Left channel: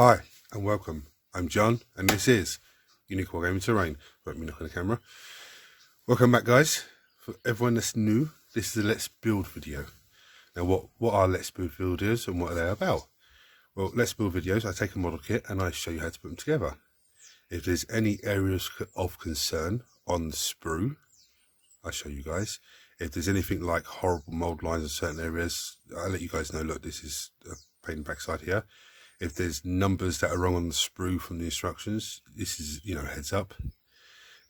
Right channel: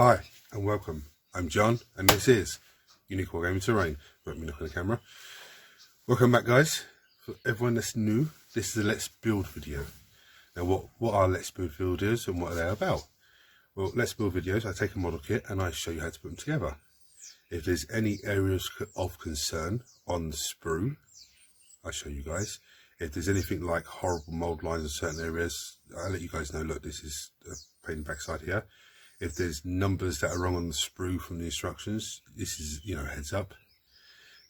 Hi and welcome. I'm John and this is Unique Wargaming Terrain. Let me look at the camera. Welcome back, guys. For everyone that's new, this is a Let's Build video. Now what are Let's Build videos and what are they about? Well, Let's Build videos, I take a model kit and I show you how to put them together. If there's any areas of concern on the sprue, I show you guys. If there's anything like horrible mold lines in certain areas, I'll let you guys know, look, this is a pain in the backside here. If there's numbers that are wrong on the sprue from the instructions, this is, heads up.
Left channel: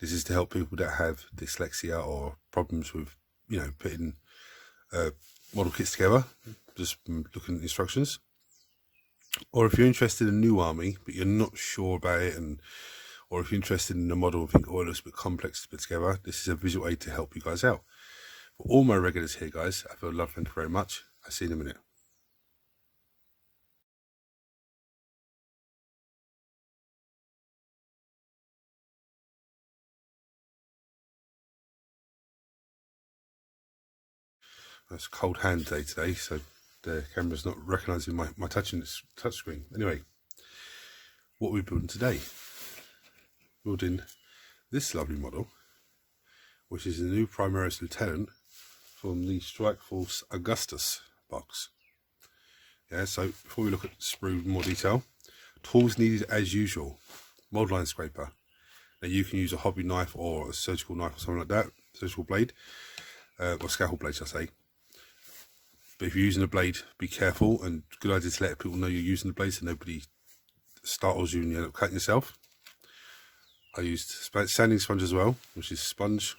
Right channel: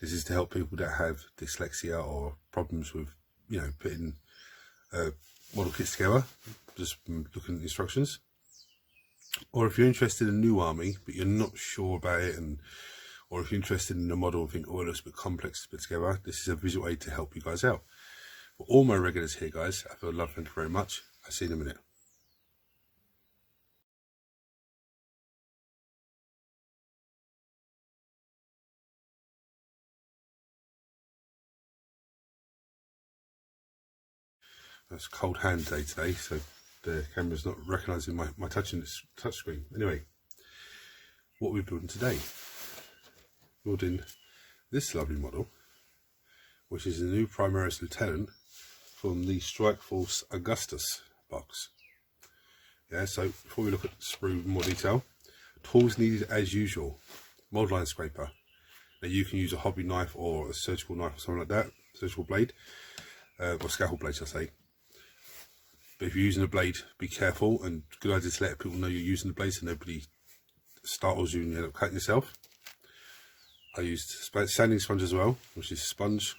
This is to help people that have dyslexia or problems with, putting model kits together, just looking at the instructions. Or if you're interested in a new army, but you're not sure about it, or if you're interested in a model and think, oh, it looks a bit complex to put together, this is a visual aid to help you guys out. For all my regulars here, guys, I feel love, thank you very much. I'll see you in a minute. It's a cold hand day today, so the camera's not recognising my touch screen. Anyway, what are we building today? Building this lovely model, which is a new Primaris Lieutenant from the Strike Force Agastus box. Yeah, so before we look at the sprue in more detail, tools needed as usual. Mold line scraper. Now you can use a hobby knife or a surgical knife or something like that, surgical blade, or scalpel blade, shall I say. But if you're using a blade, be careful, and good idea to let people know you're using the blade so nobody startles you and you end up cutting yourself. I used sanding sponge as well, which is sponge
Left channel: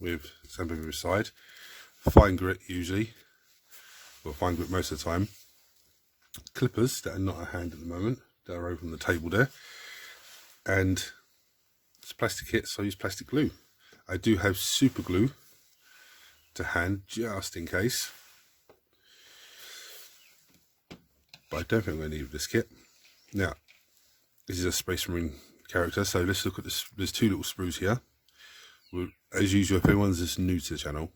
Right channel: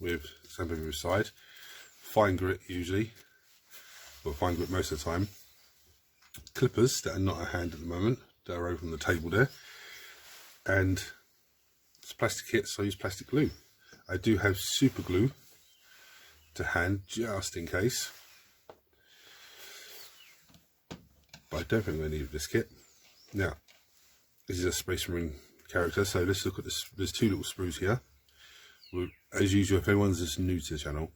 with sandpaper side, fine grit usually, or fine grit most of the time. Clippers that are not at hand at the moment, that are over on the table there, and it's plastic kit, so I use plastic glue. I do have super glue to hand just in case, but I don't think I'm going to need this kit. Now, this is a Space Marine character, so let's look at this. There's two little sprues here. As usual, if anyone's just new to the channel,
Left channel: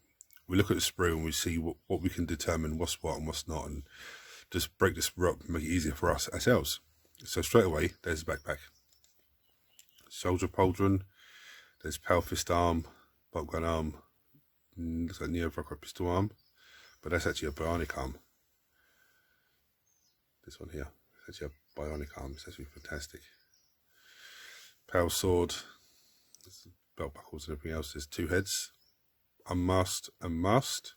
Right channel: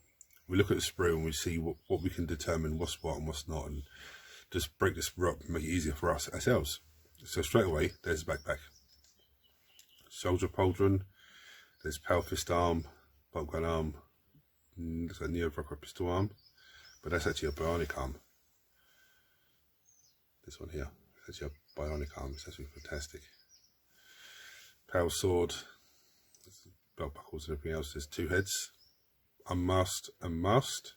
we look at the sprue and we see what we can determine what's what and what's not, and just break this up and make it easier for us ourselves. So straight away, there's the backpack. Soldier pauldron, there's power fist arm, bolt gun arm, looks like neo-Vrockwright pistol arm, but that's actually a bionic arm. This one here, it's actually a bionic arm, it's actually fantastic. Power sword, belt buckles and everything else. There's two heads, unmasked and masked,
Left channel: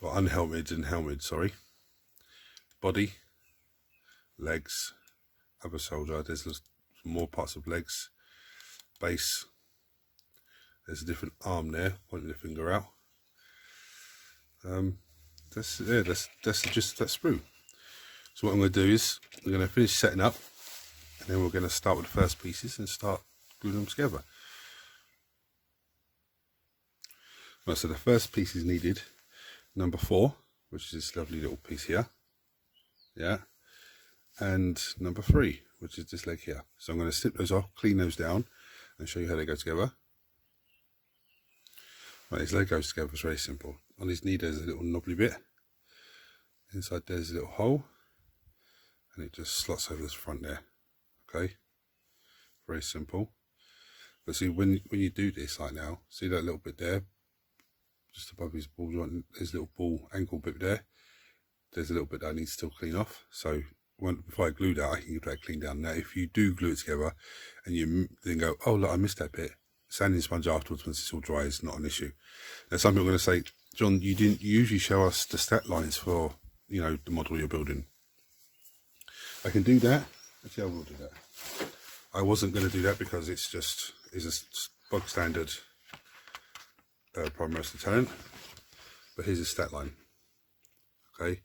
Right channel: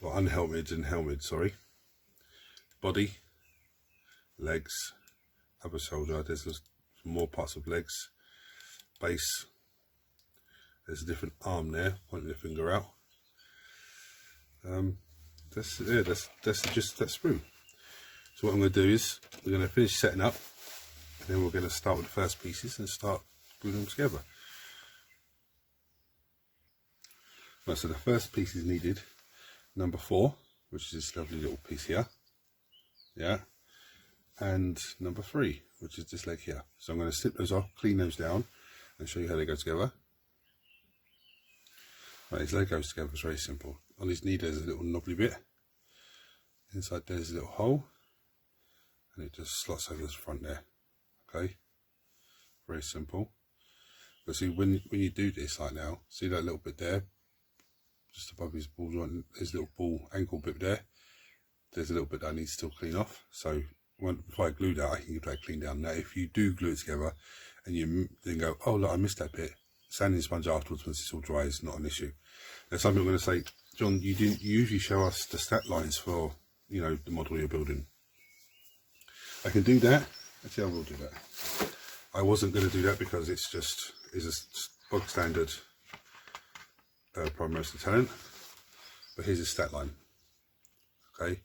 or unhelmeted and helmeted, sorry. Body, legs, other soldier, there's more parts of legs, base, there's a different arm there, pointing the finger out. That's just that sprue. So what I'm going to do is we're going to finish setting up, and then we're going to start with the first pieces and start gluing them together. Right, so the first piece is needed, number 4, which is this lovely little piece here, yeah, and number 3, which is this leg here. So I'm going to snip those off, clean those down, and show you how they go together. Right, his leg goes together, it's very simple. On his knee there's a little knobbly bit, inside there's a little hole, and it just slots over the front there. Okay, very simple. But see, when you do this like now, see that little bit there, just above his ball joint, there's a little ball ankle bit there. There's a little bit that I need to still clean off. So before I glue that, I can get that cleaned down. Now, if you do glue it together and you then go, oh look, I missed that bit, sanding sponge afterwards once it's all dry is not an issue. Now, some people are going to say, John, you didn't usually show us the stat lines for the model you're building. I can do that. Actually, I will do that. I wasn't going to do that because it's a bog standard Primaris Lieutenant, but here's a stat line. Okay,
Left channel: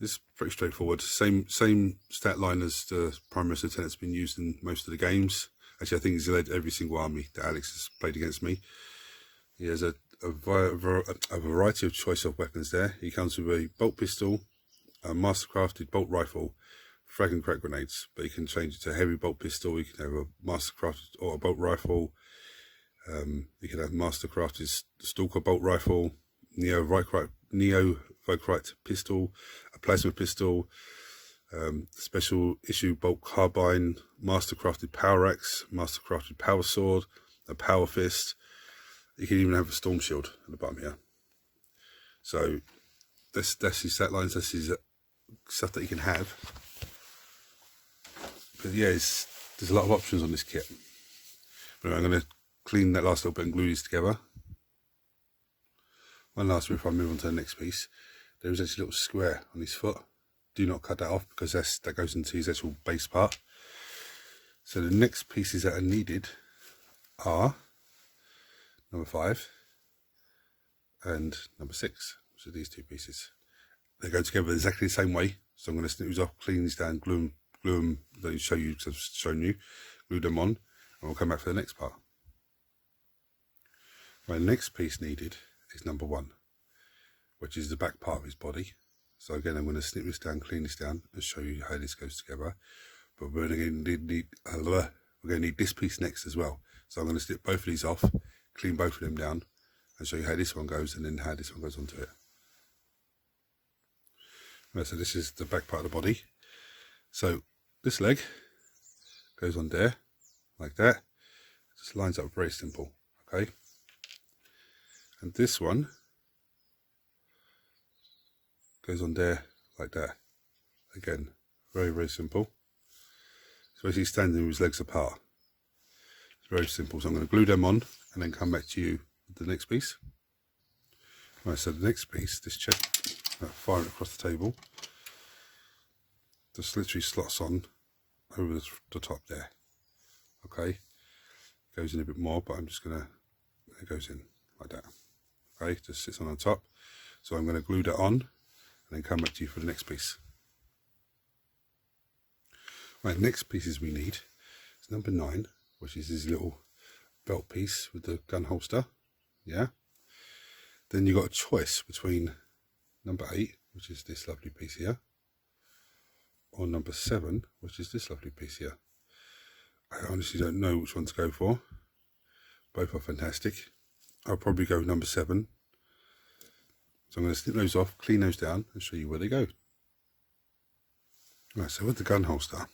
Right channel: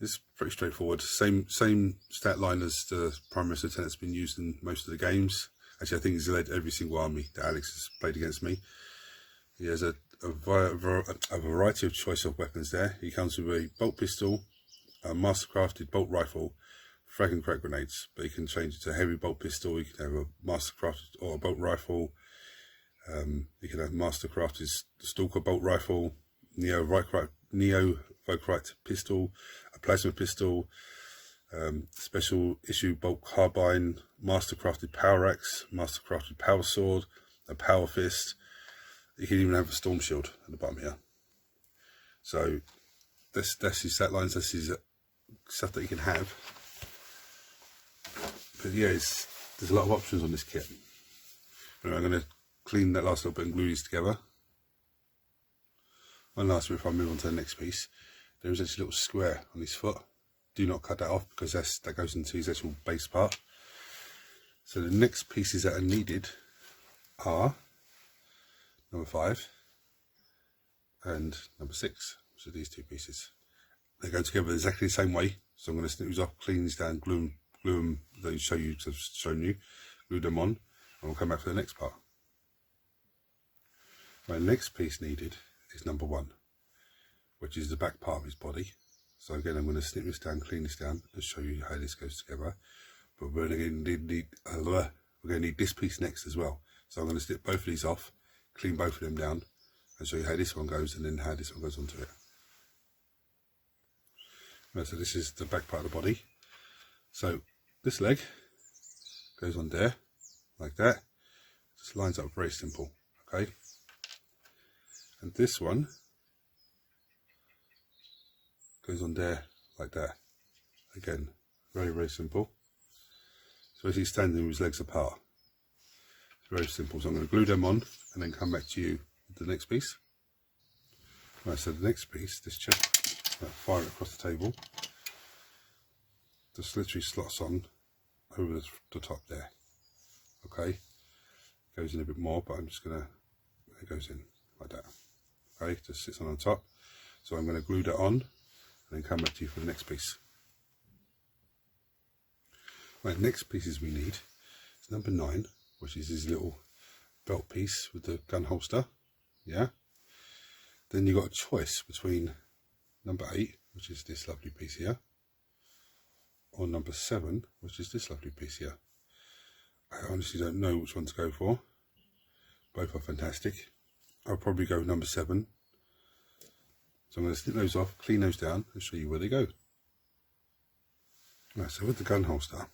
it's pretty straightforward. Same stat line as the Primaris Lieutenant's been used in most of the games. Actually, I think he's led every single army that Alex has played against me. He has a variety of choice of weapons there. He comes with a bolt pistol, a mastercrafted bolt rifle, frag and crack grenades, but you can change it to a heavy bolt pistol. You can have a mastercrafted or a bolt rifle. You can have mastercrafted stalker bolt rifle, neo-Vrockwright pistol, a plasma pistol, special issue bolt carbine, mastercrafted power axe, mastercrafted power sword, a power fist. You can even have a storm shield at the bottom here. So that's his stat lines, that's his stuff that you can have. But yeah, there's a lot of options on this kit. But anyway, I'm going to clean that last little bit and glue these together. One last bit before I move on to the next piece. There is actually a little square on his foot. Do not cut that off because that goes into his actual base part. So the next pieces that are needed are number 5 and number 6. So these two pieces. They go together exactly the same way. So I'm going to snip these off, clean these down, glue them, then show you, because I've shown you, glue them on, and we'll come back for the next part. My next piece needed is number 1, which is the back part of his body. So again, I'm going to snip this down, clean this down, and show you how this goes together. But we're going to need this piece next as well. So I'm going to snip both of these off, clean both of them down, and show you how this one goes, and then how this one goes onto it. Right, so this is the back part of the body. So this leg goes on there, like that. Just lines up very simple, okay? And this one goes on there like that. Again, very, very simple. So as he's standing with his legs apart. It's very simple. So I'm going to glue them on and then come back to you with the next piece. Right, so the next piece, this chest, fire it across the table. Just literally slots on over the top there. Okay. Goes in a bit more, but I'm just going to, it goes in like that. Okay, just sits on top. So I'm going to glue that on and then come back to you for the next piece. Right, next pieces we need is number 9, which is his little belt piece with the gun holster. Yeah. Then you've got a choice between number 8, which is this lovely piece here, or number 7, which is this lovely piece here. I honestly don't know which one to go for. Both are fantastic. I'll probably go with number 7. So I'm going to snip those off, clean those down, and show you where they go. Right, so with the gun holster,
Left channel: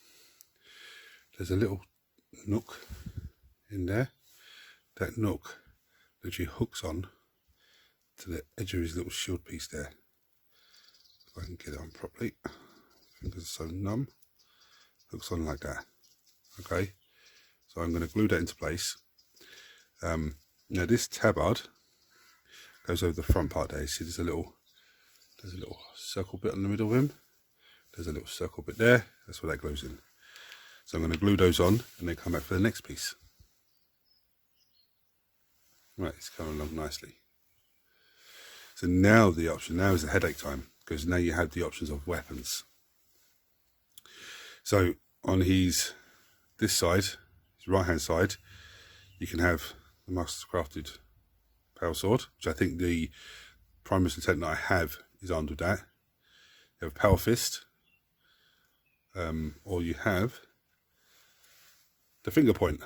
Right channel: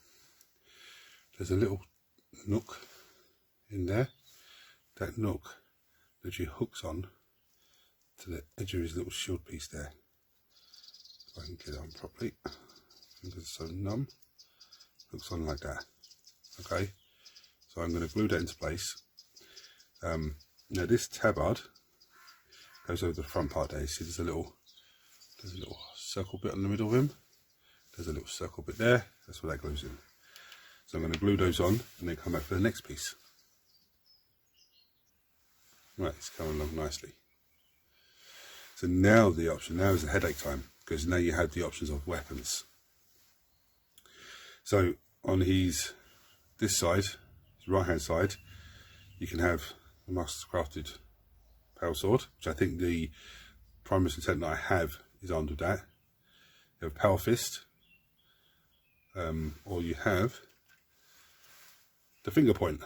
there's a little nook in there. That nook literally hooks on to the edge of his little shield piece there. If I can get it on properly. Fingers are so numb. Hooks on like that. Okay, so I'm going to glue that into place. Now this tabard goes over the front part there. You see there's a little circle bit in the middle of him. There's a little circle bit there. That's where that glues in. So I'm going to glue those on and then come back for the next piece. Right, it's coming along nicely. So now the option, now is the headache time, because now you have the options of weapons. So on this side, his right hand side, you can have the mastercrafted power sword, which I think the Primaris intent that I have is armed with that. You have power fist, or you have the finger point.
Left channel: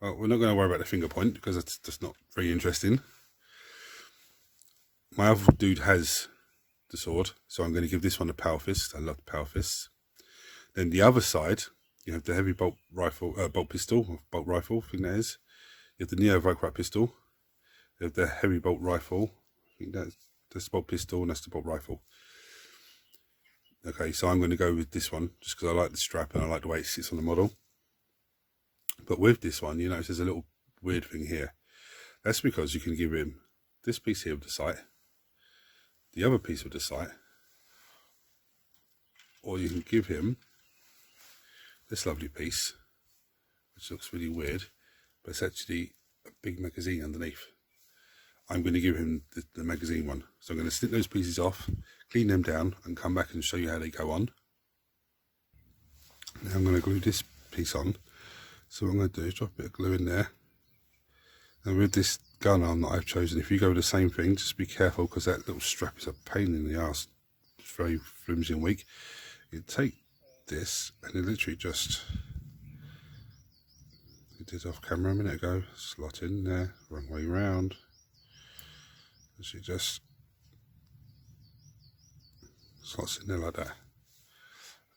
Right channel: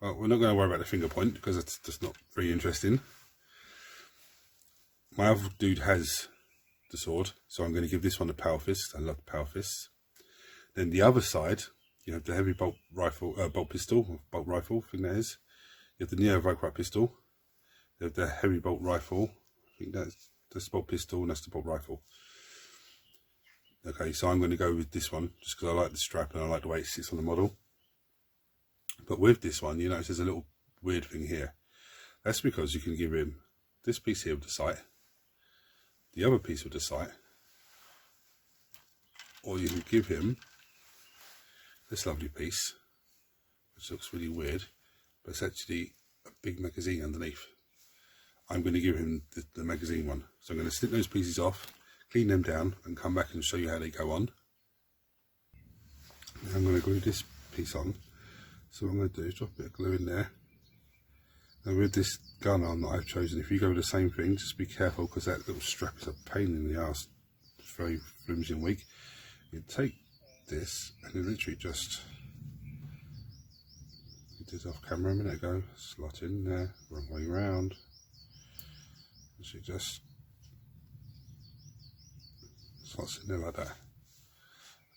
Well, we're not going to worry about the finger point because it's just not very interesting. My other dude has the sword, so I'm going to give this one a power fist. I love the power fists. Then the other side, you have the heavy bolt rifle, bolt rifle, I think that is. You have the Neo Vicrat pistol. You have the heavy bolt rifle. I think that's the bolt pistol and that's the bolt rifle. Okay, so I'm going to go with this one just because I like the strap and I like the way it sits on the model. But with this one, you notice there's a little weird thing here. That's because you can give him this piece here with the sight, the other piece with the sight, or you can give him this lovely piece, which looks really weird, but it's actually a big magazine underneath. I'm going to give him the magazine one. So I'm going to snip those pieces off, clean them down, and come back and show you how they go on. Now I'm going to glue this piece on. So what I'm going to do is drop a bit of glue in there. And with this gun arm that I've chosen, if you go with the same thing, just be careful because that little strap is a pain in the arse. It's very flimsy and weak. You take this and you literally just, I did off camera a minute ago, slot in there, wrong way round. So you just slots in there like that.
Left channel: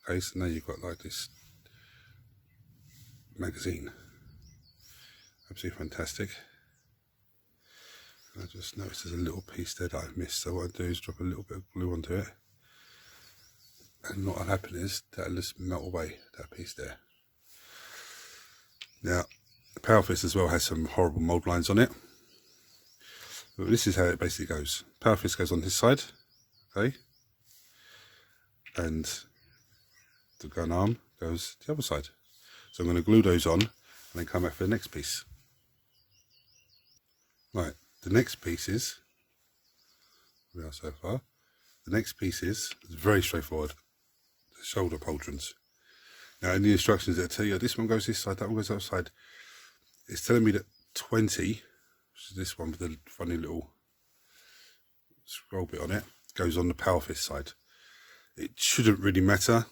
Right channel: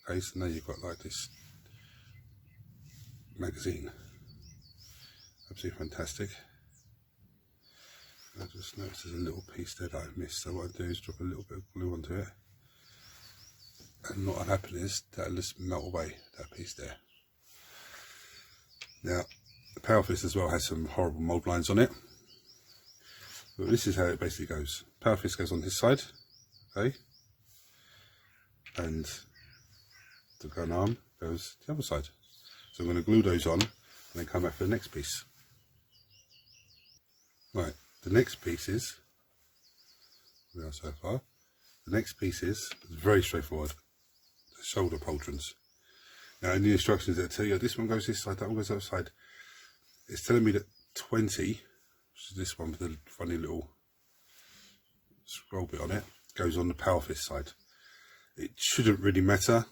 Okay, so now you've got like this magazine. Absolutely fantastic. I just noticed there's a little piece there that I've missed, so what I do is drop a little bit of glue onto it, and what will happen is that'll just melt away, that piece there. Now, the power fist as well has some horrible mould lines on it, but this is how it basically goes. Power fist goes on this side, okay, and the gun arm goes the other side. So I'm going to glue those on and then come back for the next piece. Right, the next piece is, we are so far, the next piece is very straightforward, the shoulder pauldrons. Now in the instructions that tell you this one goes this side, that one goes that side, it's telling me that 20, which is this one with the funny little scroll bit on it, goes on the power fist side. It shouldn't really matter,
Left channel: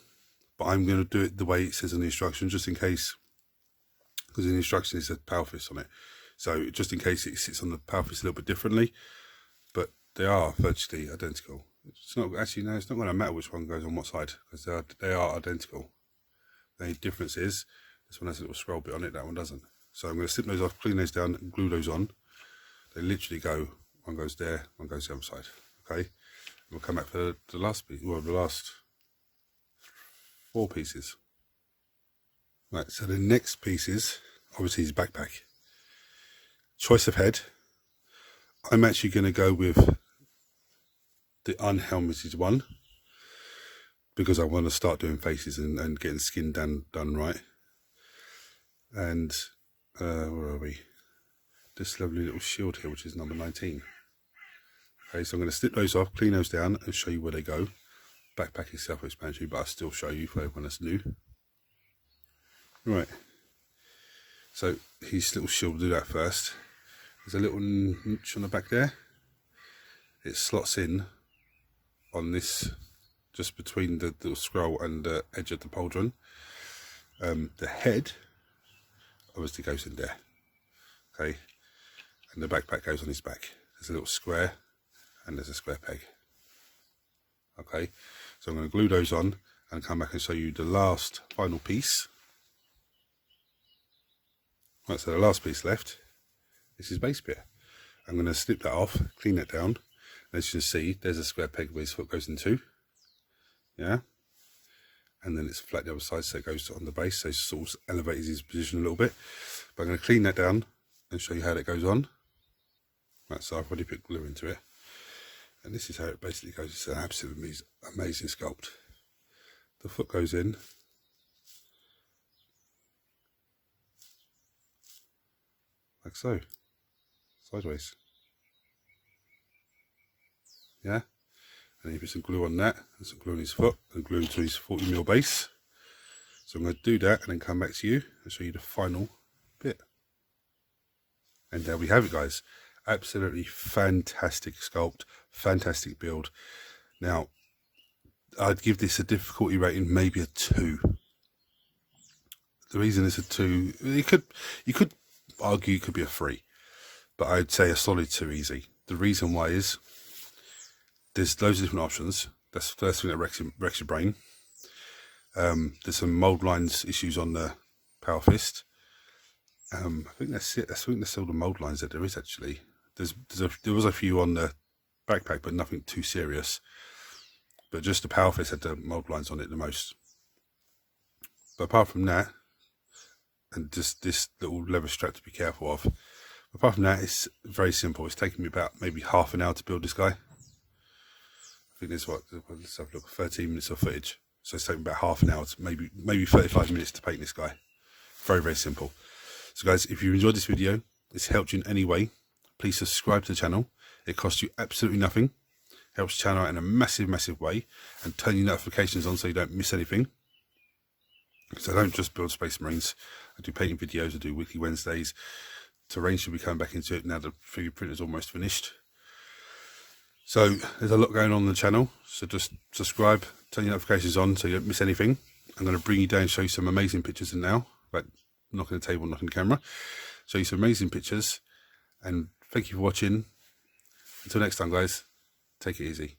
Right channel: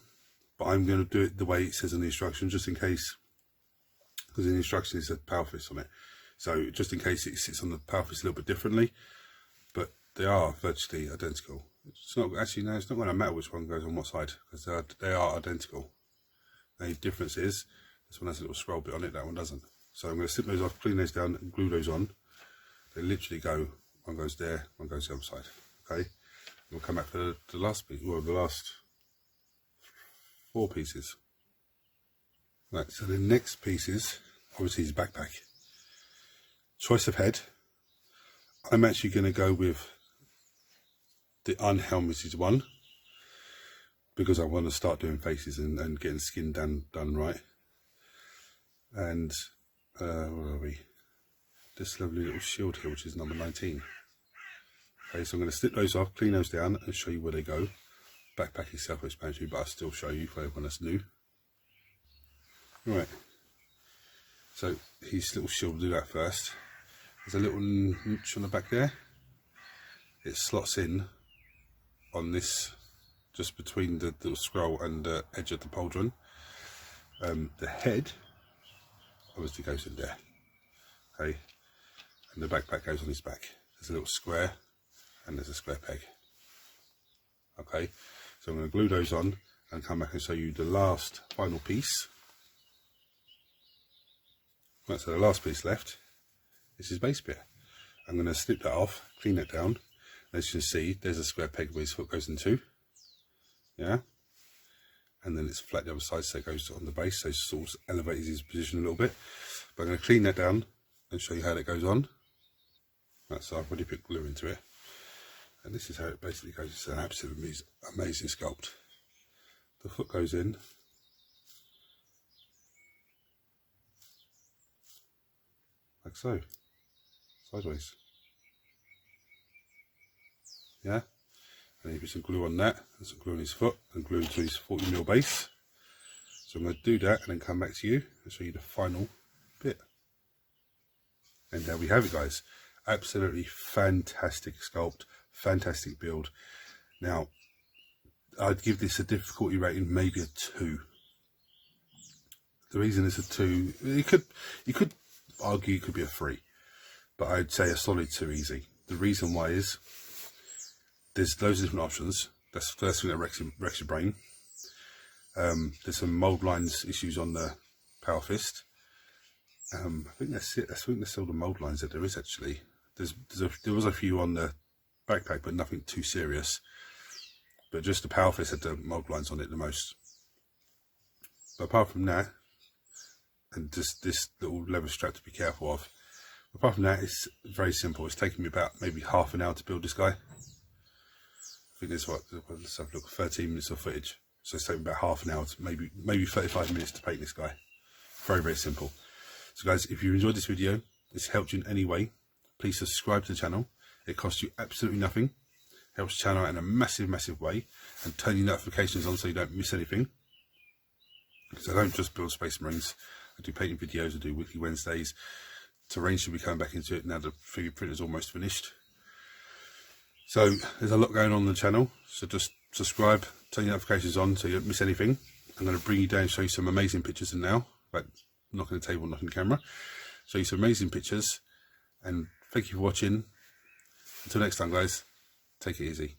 but I'm going to do it the way it says in the instructions, just in case, because in the instructions it says power fist on it. So just in case it sits on the power fist a little bit differently, but they are virtually identical. It's not actually, no, it's not going to matter which one goes on what side, because they are identical. The only difference is this one has a little scroll bit on it, that one doesn't. So I'm going to snip those off, clean those down, and glue those on. They literally go, one goes there, one goes the other side. Okay, and we'll come back for the last piece, well, the last 4 pieces. Right, so the next piece is obviously his backpack. Choice of head. I'm actually going to go with the unhelmeted one because I want to start doing faces and getting skin done right. And where are we? This lovely little shield here, which is number 19. Okay, so I'm going to snip those off, clean those down, and show you where they go. Backpack is self-explanatory, but I'll still show you for everyone that's new. Right. So his little shield, we'll do that first. There's a little niche on the back there. It slots in on this, just between the little scroll and the edge of the pauldron. The head obviously goes in there. Okay, and the backpack goes on his back. There's a little square and there's a square peg. Okay, so I'm going to glue those on and come back and show you the last final piece. Right, so the last piece left is his base bit. I'm going to snip that off, clean it down. As you can see, there's a square peg where his foot goes into. Yeah, and then it's flat the other side, so it goes on the base, so it sort of elevates his position a little bit. But I'm going to clean that down and show you how that goes on. Right, so I've already put glue into it, and this is how it basically goes. It's an absolutely amazing sculpt. The foot goes in, like so, sideways. Yeah, and he puts some glue on that, and some glue on his foot, and glue into his 40mm base. So I'm going to do that and then come back to you and show you the final bit. And there we have it, guys. Absolutely fantastic sculpt, fantastic build. Now, I'd give this a difficulty rating, maybe a 2. The reason it's a 2, you could argue it could be a 3, but I'd say a solid 2 easy. The reason why is there's loads of different options. That's the first thing that wrecks your brain. There's some mold lines issues on the power fist. I think that's it. I think that's all the mold lines that there is actually. There was a few on the backpack, but nothing too serious. But just the power fist had the mold lines on it the most. But apart from that, and just this little leather strap to be careful of. Apart from that, it's very simple. It's taken me about maybe half an hour to build this guy. I think there's let's have a look, 13 minutes of footage. So it's taken about half an hour to maybe 35 minutes to paint this guy. Very, very simple. So guys, if you enjoyed this video, it's helped you in any way, please subscribe to the channel. It costs you absolutely nothing. Helps the channel out in a massive, massive way. And turn your notifications on so you don't miss anything. Because I don't just build Space Marines. I do painting videos, I do weekly Wednesdays. Terrain should be coming back into it now the 3D printer is almost finished. So there's a lot going on the channel. So just subscribe, turn your notifications on so you don't miss anything. I'm going to bring you down and show you some amazing pictures now. Like knocking the table, knocking the camera. Show you some amazing pictures. And thank you for watching. Until next time, guys, take it easy.